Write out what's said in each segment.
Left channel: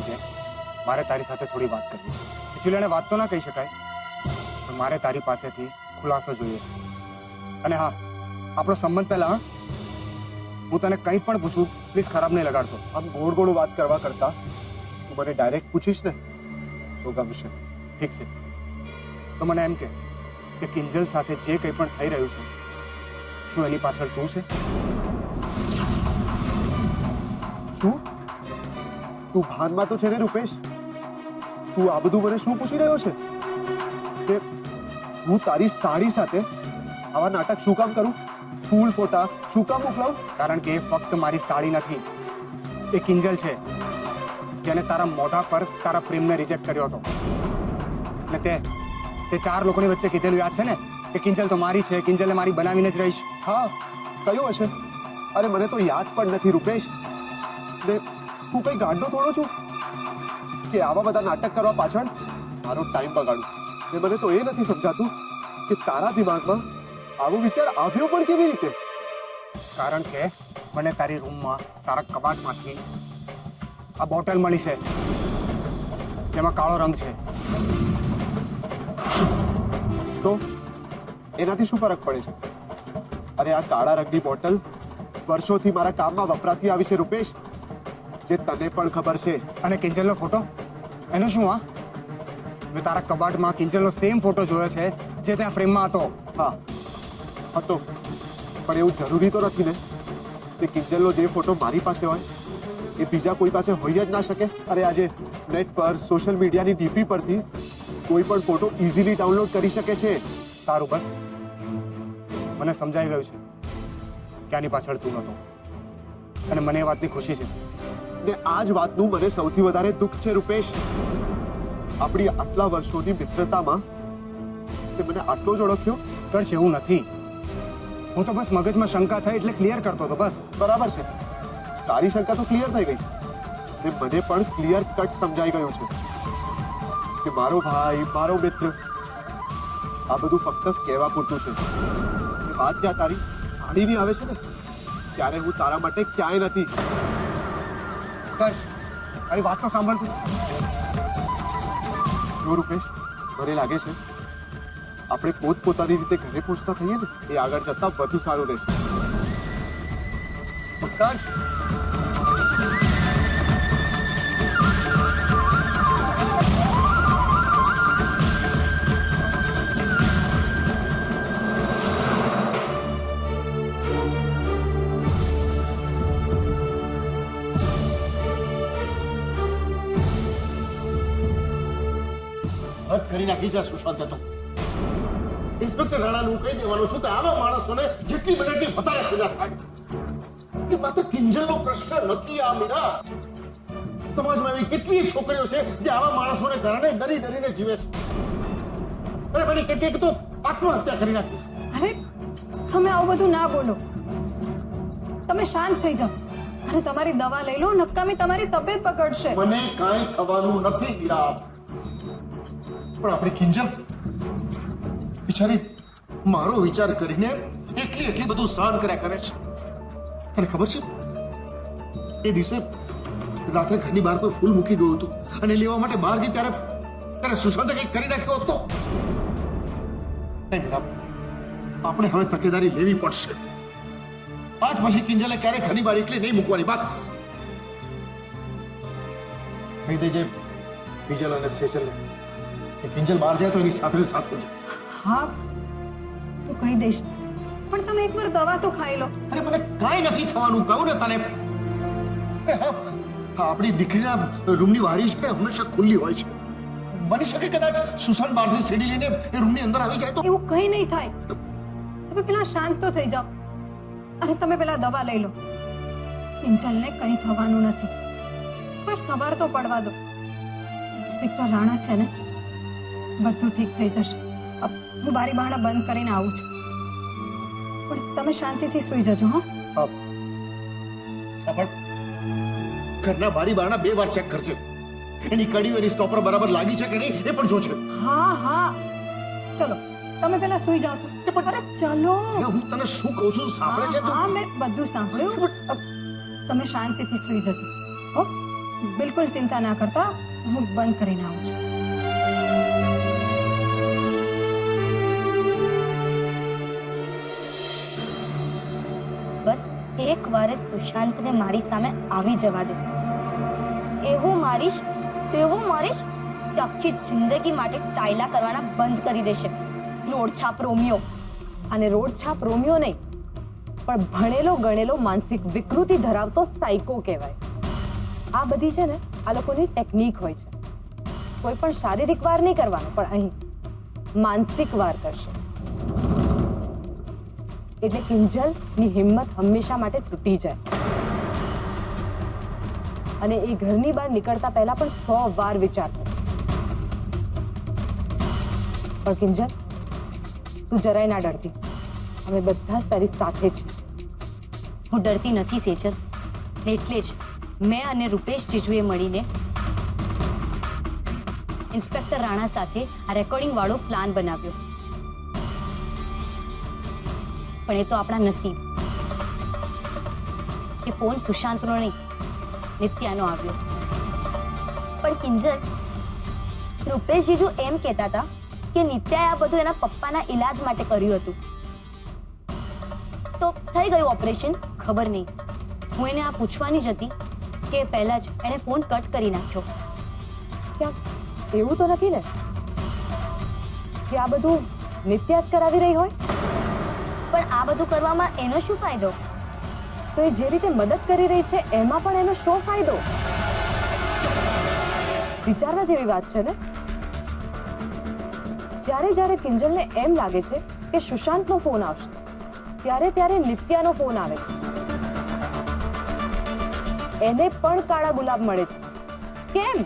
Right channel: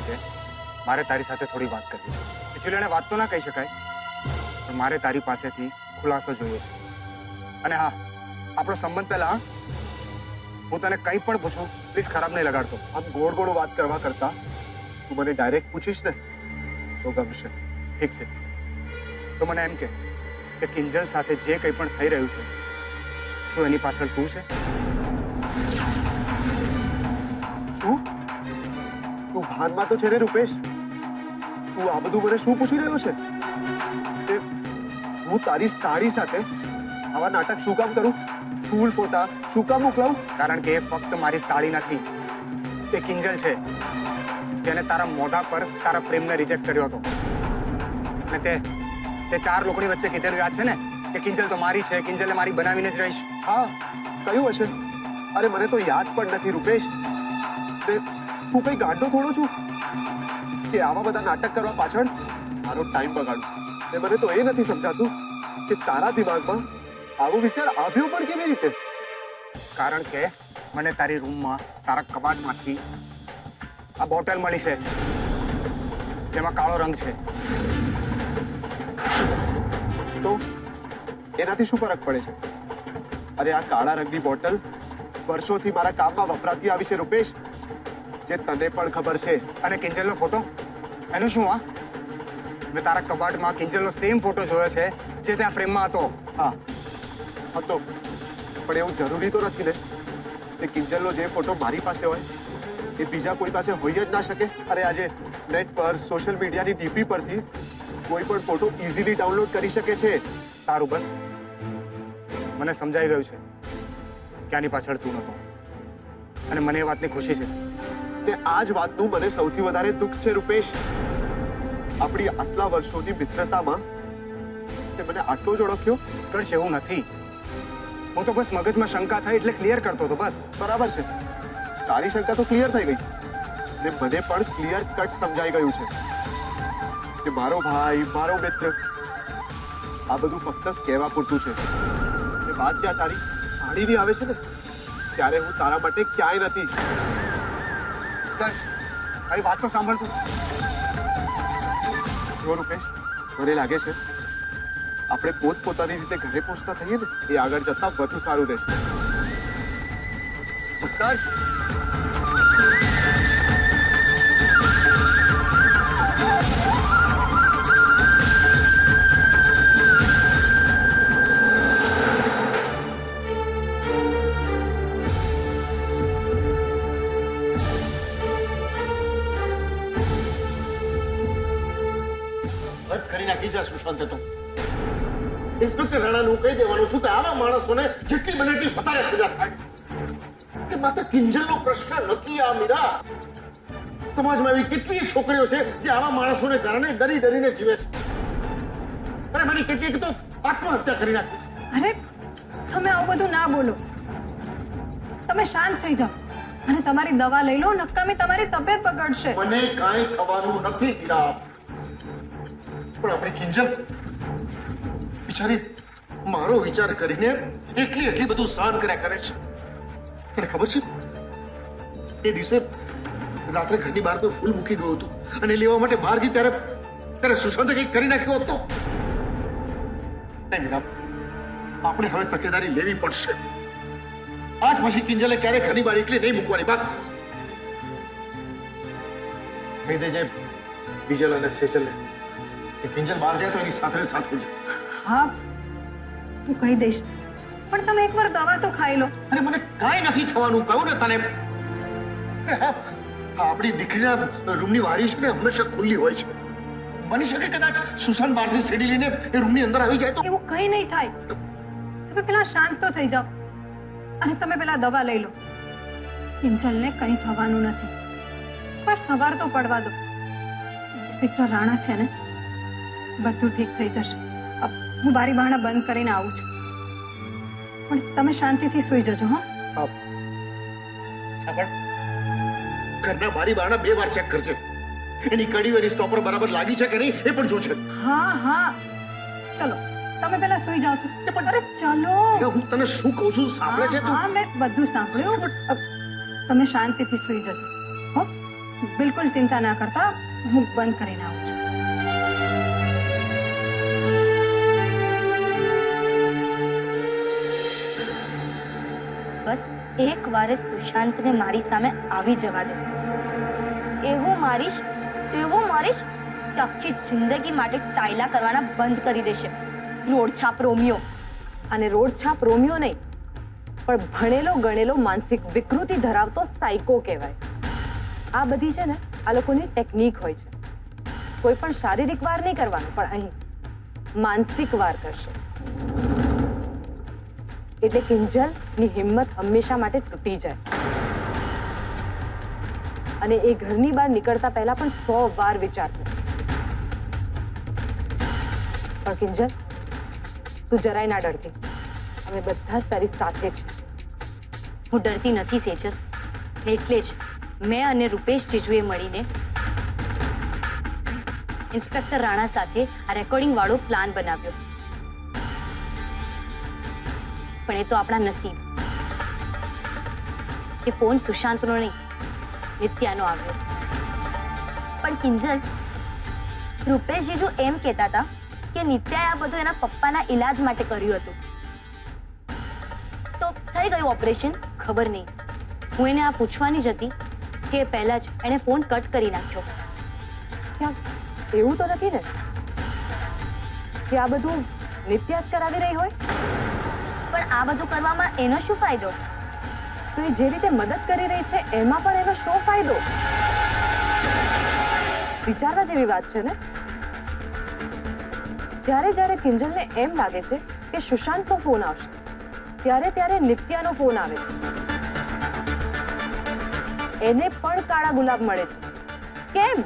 કારણ કે મારે તારી સાથે થોડી વાત કરવી છે. એકચ્યુઅલી એને વાત તો ના કહી શકાય, પણ મારે તારી પાસેથી ખુલાસો જોઈએ છે. અને હા, આપણો સંબંધ પહેલા. હા, હું તને કંઈ પણ પૂછું પ્લીઝ ખરાબ નહીં લગાડતો. આમ ગોળ ગોળ વાત કરવા કરતા તું મને ડાયરેક્ટ પૂછીશ ને તો ગમશે. ઠીક છે, તો મને એમ કે કિંજલ સાથે જે કંઈ પણ થઈ રહ્યું છે, શું એની પાછળ તું છે? શું તું ભાનમાં તો છે ને રૂપેશ? તું આ બધું મને શું પૂછી રહ્યો છે? તે હું તારી સાડી સાથે આવા નાટક શું કામ કરું? ફૂલ ફોટા શું કામ મોકલાવું? કારણ કે એ ફક્ત મારી સાડી નથી, એ કિંજલ છે જેને તારા મોઢા પર તારા પ્રેમને રિજેક્ટ કર્યો હતો. અને તે 4 લોકોની વચ્ચે કીધેલું યાદ છે ને કે કિંજલ તો મારી છે, કિંજલને મારી બનાવીને જ રહીશ. હા, કયું હશે? અરે મને તો યાદ પણ નથી રૂપેશ. ને હું કઈ ગાંડો થોડો છું કે આવા બધા નાટક કરવા પાછળ મારો ટાઈમ બગાડું. ને મને તો એ નથી સમજાતું કે તારા દિમાગમાં આવો વિચાર આવ્યો પણ કેવી રીતે? કારણ કે મને તારી રૂમમાં તારા કબાટમાંથી આ બોટલ મળી છે જેમાં કાળો રંગ છે. તો એનાથી શું ફરક પડે છે? અરે આ કાળા રંગની બોટલ વર્ષોથી મારા કામમાં વપરાતી આવી છે રૂપેશ, જે તને પણ ખબર છે. અને કિંજલનો ફોટો એનું શું? હા, મેં તારા કબાટમાં કિંજલનો સેમ ફોટો જોયો છે જે ત્યાં ફ્રેમમાં હતો. હા હતો, પણ એવું જરૂરી તો નથી ને કે કિંજલનો જે ફોટો મારી પાસે હોય એ બીજા કોઈ પાસે હોય જ ના શકે. અરે આજે નેટ પર સોશિયલ મીડિયાની ડીપી પરથી કોઈ પણ ફોટો ઇઝીલી ડાઉનલોડ કરી શકે છે. સારું, બસ મને સમજાઈ ગયું છે કે આની પાછળ તું નહોતો, અને મને એ વાતની ખુશી છે. ને આ જ વાતનું મને સૌથી વધારે દુઃખ છે રૂપેશ. આપણી આટલા વર્ષોની મિત્રતામાં તે મને આટલો જ ઓળખ્યો. કરશે એવું નથી, હું તો બસ મગજમાં શંકા થઈ એટલે ક્લિયર કરતો હતો બસ. બરાબર છે, તારી શંકા તો ક્લિયર થઈ ગઈ ને મને પણ ક્લિયર કટ સમજાઈ ગયું છે કે મારો ભાઈ, મારો મિત્ર, આ બધું ફક્ત કહેવા પૂરતું છે. એ વાત જ્યાં તારી સાડીની આવે છે ને ત્યારે હું તારા માટે ક્યાંય નથી. કર્ષ, મારી વાત તો સાંભળ તું. જો રૂપેશ, મને લાગે છે આપણે પોતપોતાની રીતે ઘરે પહોંચતા થઈએ ને એ આગળ જતા વધુ સારું રહેશે. કર્ષ, હદ કરી નાખી છે સુશાંતે તો. ઇન્સ્પેક્ટર રાણાનું કહી દેવાનું છું કે આવા માણસોને જેટલી બને એટલી વધારે સજા થાય. એ માત્ર કિંજલનો પ્રશ્ન નથી આ મીરા. સમાજમાં એવી કેટલીય છોકરીઓ છે જે આવા માણસોને કારણે ડરી ડરીને જીવે છે. અરે મને કેટલીક તો આત્મહત્યા કરી નાખી. અરે તમે આવું બધું ના બોલો, તમે શાંત થઈ જાઓ અને તમારી દવા લઈ લો. નકામી તમારી તબિયત બગડશે. મને કાંઈ થવાનું નથી મીરા, પણ આપણી કિંજલ બિચારી મારો વિચાર કરીને એટલી બધું સહન કર્યા કરે છે. તને ખબર છે એ દિવસે રાત્રે ઘરની બહાર કોઈ ફૂલ મૂકી ગયું હતું અને લેવા માટે બહાર ગઈ ત્યારે સુશાંતે કંઈક કરી નાખ્યો હતો. નહીં મીરા, આપણે હવે તકેદારી લેવી પડશે. આજ પછી કિંજલે ક્યારેય ઘરની બહાર એકલી નહીં મૂકવાની. બસ કહી દેજે બીજલ અને સેજલને કે કિંજલ બહાર જાય તો એની સાથે સાથે જ. હા, હું કહી દઈશ, પણ તમે એકવાર દવા તો ખાઈ લો. અરે મને કાંઈ નથી થવાનું, કહું ને તને. હા, આપણી દીકરીના રૂમની બારી છે ને હંમેશા ખુલ્લી હોય છે. બની શકે કદાચ સુશાંત બહારથી સીડી લઈને એ રૂમની અંદર આવી જાય તો. એવું કંઈ નહીં થાય. તમે પેલા શાંત તો થઈ જાઓ અને તમે પેલા દવા લઈ લો. કિંજલને કંઈ થવાનું નથી, પણ સવાર તો પડવા દો. ઇન્સ્પેક્ટર રાણા છે ને, બધું ઠીક થઈ જશે. હું બારી બારણા બંધ કરીને આવું છું, પણ તમે શાંતિથી સૂઈ જજો. હા, સાંભળ, ઘરના બારી બારણા 2 વાર ચેક કરજે. એની કડીઓ, એની સ્ટોપર બરાબર લાગી છે કે નહીં એ પણ જોજે. હા હા, ચલો તમે પેલા સૂઈ જાઓ. તો અરે ચલો, હું તને શું કહું છું સાંભળે છે તું? હા, મેં બધું સાંભળ્યું. તમે શાંતિથી સૂઈ જજો. હો, બિલકુલ ચિંતા ના કરતા, હું બંધ કરીને આવું છું. બસ એક વાર સુશાંતને મારી સામે આવી જવા દો. એવું મારીશ કે આખી જિંદગી માટે ટાયલા કરવાના બંધ કરી દેશે. રોડછાપ રોમિયો. અને રોડછાપ રોમિયો નહીં, પણ ભણેલો ગણેલો માનસિક વિકૃતિ ધરાવતો સાયકો કહેવાય. આ બધી છે ને આ લોકોની ટેકનિક હોય છે. કોઈ પણ શારીરિક વાર નહીં કરવાનો, પણ અહીં માનસિક વાર કરશે. એટલે કિંજલની હિંમત હંમેશા માટે તૂટી જાય અને એ ઘરની બહાર નીકળતા પહેલા પણ 100 વાર વિચાર કરે. પણ કિંજલ, તું જરાય ના ડરતી. અમે બધા જ તારી સાથે છીએ. હું ડરતી નથી સેજલ. એટલે જ મેં અને રૂપેશ જીજુએ મળીને ઇન્સ્પેક્ટર રાણા સાથે આ રેકોર્ડિંગ વાળો પ્લાન બનાવ્યો. પણ એ તો આપણા નસીબ કે ફોન સુશાંતનો નહીં, નિત્યાનો આવ્યો. પણ કિંજલ, રૂપેશ જીજુ એમ કહેતા હતા કે નિત્યાએ આ બધું એના પપ્પાના ઈલાજ માટે કર્યું હતું. તો થઈ ગયું ઓપરેશન? ખબર નહીં. હું એને આ પૂછવાની જ હતી કે પહેલા જ એને ફોન કટ કરી નાખ્યો. ક્યાંક એવું તો નથી ને કે આ બધું નિત્યા જ કરાવી રહી હોય? પણ આ બધું કરવામાં એનો શું ફાયદો? તો એ જે રીતે મદદ કરી રહી છે એમાં પણ એનો શું ફાયદો? વિચારવા જેવી વાત છે ને. જ્યારે જ્યારે કિંજલને એમ લાગે છે કે સુશાંતનો ફોન આવશે, ત્યારે ત્યારે નિત્યાનો ફોન આવે છે. એને પણ કાળા ગુલાબ મળે છે. કેમ?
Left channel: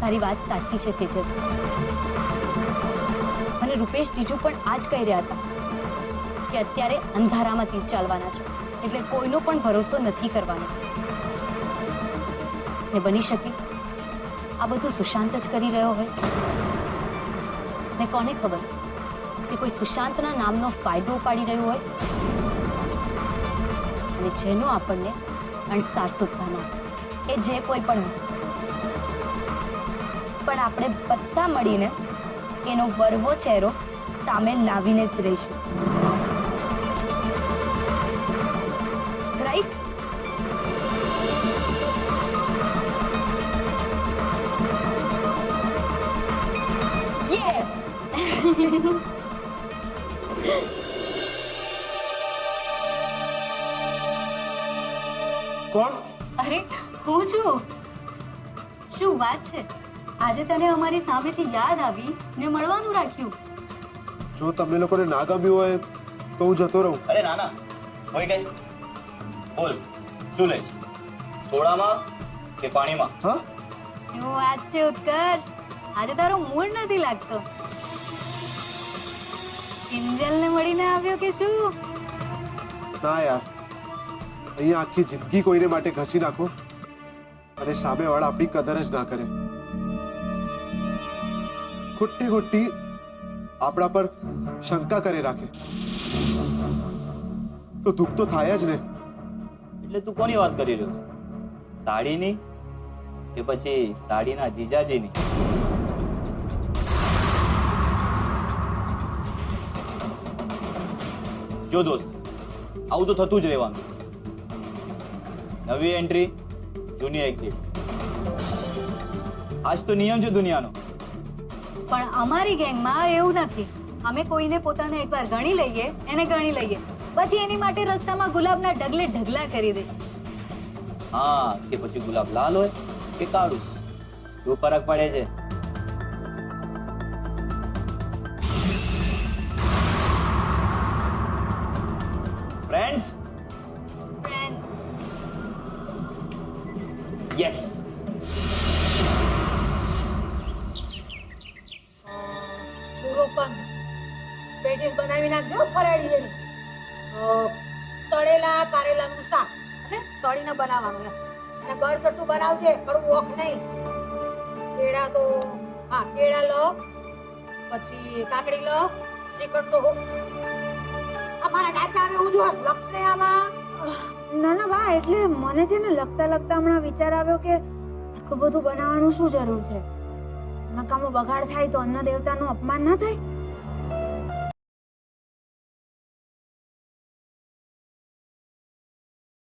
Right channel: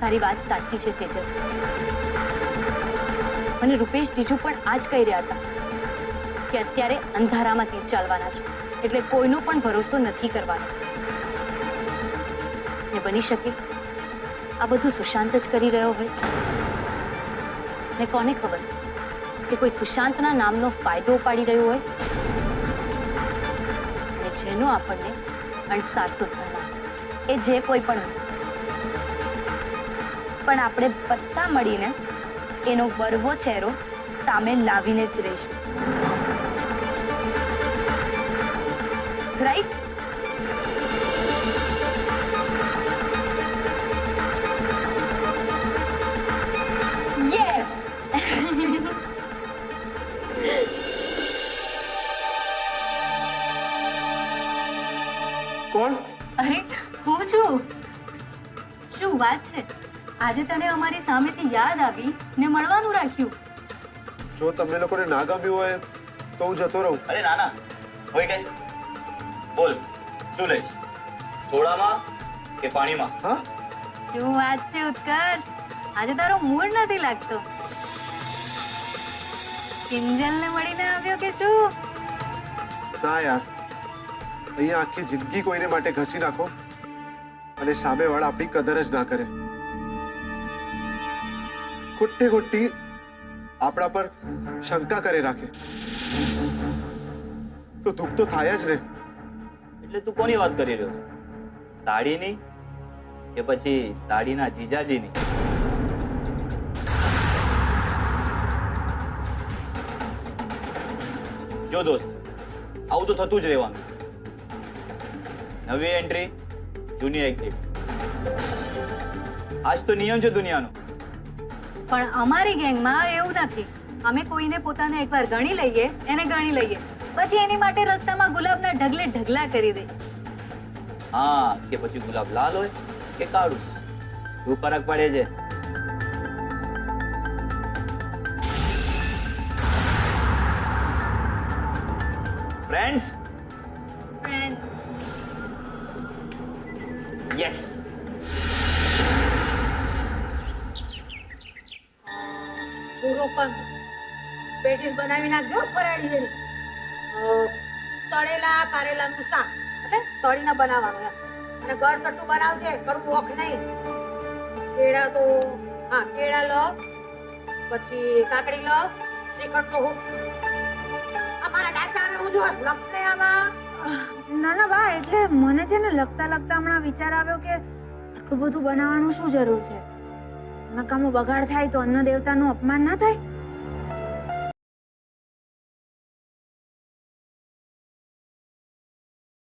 તારી વાત સાચી છે સેજલ. મને રૂપેશ જીજુ પણ આ જ કહી રહ્યા હતા કે અત્યારે અંધારામાં તીર ચાલવાના છે, એટલે કોઈનો પણ ભરોસો નથી કરવાનો. ને બની શકે આ બધું સુશાંત જ કરી રહ્યો હોય. ને કોને ખબર કે કોઈ સુશાંતના નામનો ફાયદો ઉપાડી રહ્યો હોય અને જેનો આપણને અણસાર સુદ્ધા ના, એ જે કોઈ પણ હોય. પણ આપણે બધા મળીને એનો વરવો ચહેરો સામે લાવીને જ રહીશું. રાઈટ? યસ. કોણ? અરે હું છું. શું વાત છે, આજે તને અમારી સામેથી યાદ આવી ને મળવાનું રાખ્યું. જો તમને લોકોને ના ગમ્યું હોય તો હું જતો રહું. અરે ના ના, હોય ગઈ. બોલ, શું લઈશ? સોડામાં કે પાણીમાં? હા, શું વાત છે ઉત્કર્ષ, આજે તારો મૂડ નથી લાગતો. કિંજલને મળીને આવ્યો કે શું? ના યાર, અહીંયા આખી જિંદગી કોઈને માટે ઘસી નાખો અને સામેવાળા આપણી કદર જ ના કરે. ખોટી ખોટી આપણા પર શંકા કરે રાખે તો દુઃખ તો થાય જ ને. એટલે તું કોની વાત કરી રહ્યો છે? સાડીની કે પછી સાડીના જીજાજીની? જો દોસ્ત, આવું તો થતું જ રહેવાનું. નવી એન્ટ્રી, જૂની એક્ઝિટ. આજ તો નિયમ છે દુનિયાનો. પણ અમારી ગેંગમાં એવું નથી. અમે કોઈને પોતાને એકવાર ગણી લઈએ, એને ગણી લઈએ, પછી એની માટે રસ્તામાં ગુલાબના ઢગલે ઢગલા કરી દઈએ. હા, કે પછી ગુલાબ લાલ હોય કે કાળું, શું ફરક પડે છે? Friends, yes. પૂરો પંદ પેટીસ બનાવી નાખજો ફરાળી જેવી. તળેલા કારેલાનું શાક એટલે તળીને બનાવવાનું એમ. અને ગળચટ્ટું બનાવજે, કડવું ઓખ નહીં. કેળા તો હા કેળા લો, પછી કાકડી લો, શ્રીખંડ તો હો. અમારા ડાચા આવે હું જોસ લપને આમાં. ના ના બા, એટલે મને છે ને લગતા લગતા હમણાં વિચાર આવ્યો કે આટલું બધું બનાવવાનું શું જરૂર છે? નકામો બગાડ થાય તો અન્ન દેવતાનું અપમાન ના થાય?